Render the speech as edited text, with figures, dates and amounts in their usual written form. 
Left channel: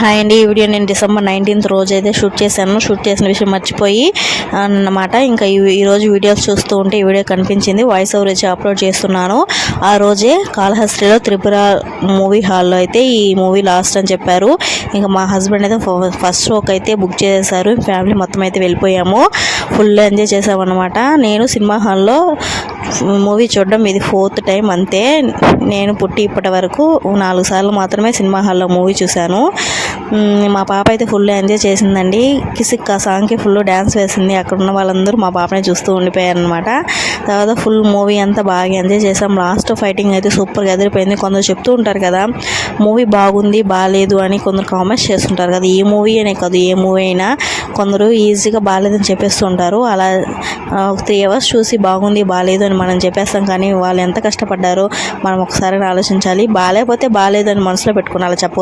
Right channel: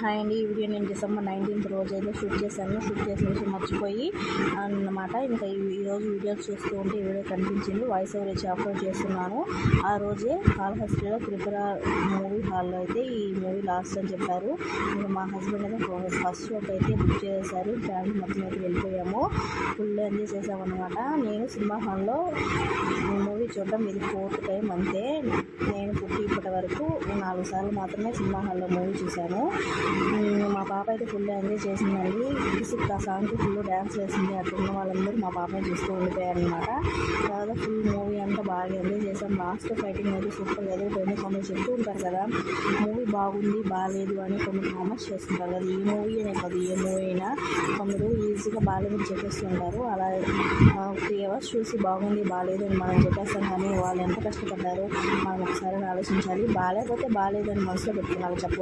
Hi అండి. ఈ video నేను డిసెంబర్ 19th రోజు అయితే షూట్ చేశాను. షూట్ చేసిన విషయం మర్చిపోయి అన్నమాట. ఇంకా ఈరోజు వీడియోస్ చూస్తూ ఉంటే ఈ వీడియో కనిపించింది. వాయిస్ ఓవర్ వచ్చి అప్లోడ్ చేస్తున్నాను. ఆ రోజే కాళహస్తిలో త్రిపుర మూవీ హాల్లో అయితే ఈ మూవీ లాస్ట్ అని చెప్పారు. ఇంకా మా హస్బెండ్ అయితే ఫస్ట్ షోకి అయితే బుక్ చేశారు. ఫ్యామిలీ మొత్తం అయితే వెళ్ళిపోయాము. ఫుల్ ఎంజాయ్ చేసామన్నమాట. నేను సినిమా హాల్లో మూవీ చూడడం ఇది 4th టైం అంతే. నేను పుట్టి ఇప్పటి వరకు 4 సార్లు మాత్రమే సినిమా హాల్లో మూవీ చూశాను. మా పాప అయితే ఫుల్ ఎంజాయ్ చేసిందండి. కిసిక్ ఆ సాంగ్కి ఫుల్ డ్యాన్స్ వేసింది. అక్కడ ఉన్న వాళ్ళందరూ మా పాపని చూస్తూ ఉండిపోయారు అనమాట. తర్వాత ఫుల్ మూవీ అంతా బాగా ఎంజాయ్ చేసాం. లాస్ట్ ఫైటింగ్ అయితే సూపర్గా ఎదిరిపోయింది. కొందరు చెప్తూ ఉంటారు కదా మూవీ బాగుంది బాగాలేదు అని, కొందరు కామెంట్స్ చేస్తుంటారు కదా. ఈ మూవీ అనే కాదు ఏ మూవీ అయినా కొందరు ఈజీగా బాగాలేదని చెప్పేస్తూ ఉంటారు. అలా 3 hours చూసి బాగుంది బాగాలేదు అని మనం చెప్పేస్తాం, కానీ వాళ్ళు ఎంత కష్టపడ్డారో మనం ఒకసారి ఆలోచించాలి. బాగాలేకపోతే బాగాలేదు అని మనసులో పెట్టుకుని అలా చెప్పొద్దు.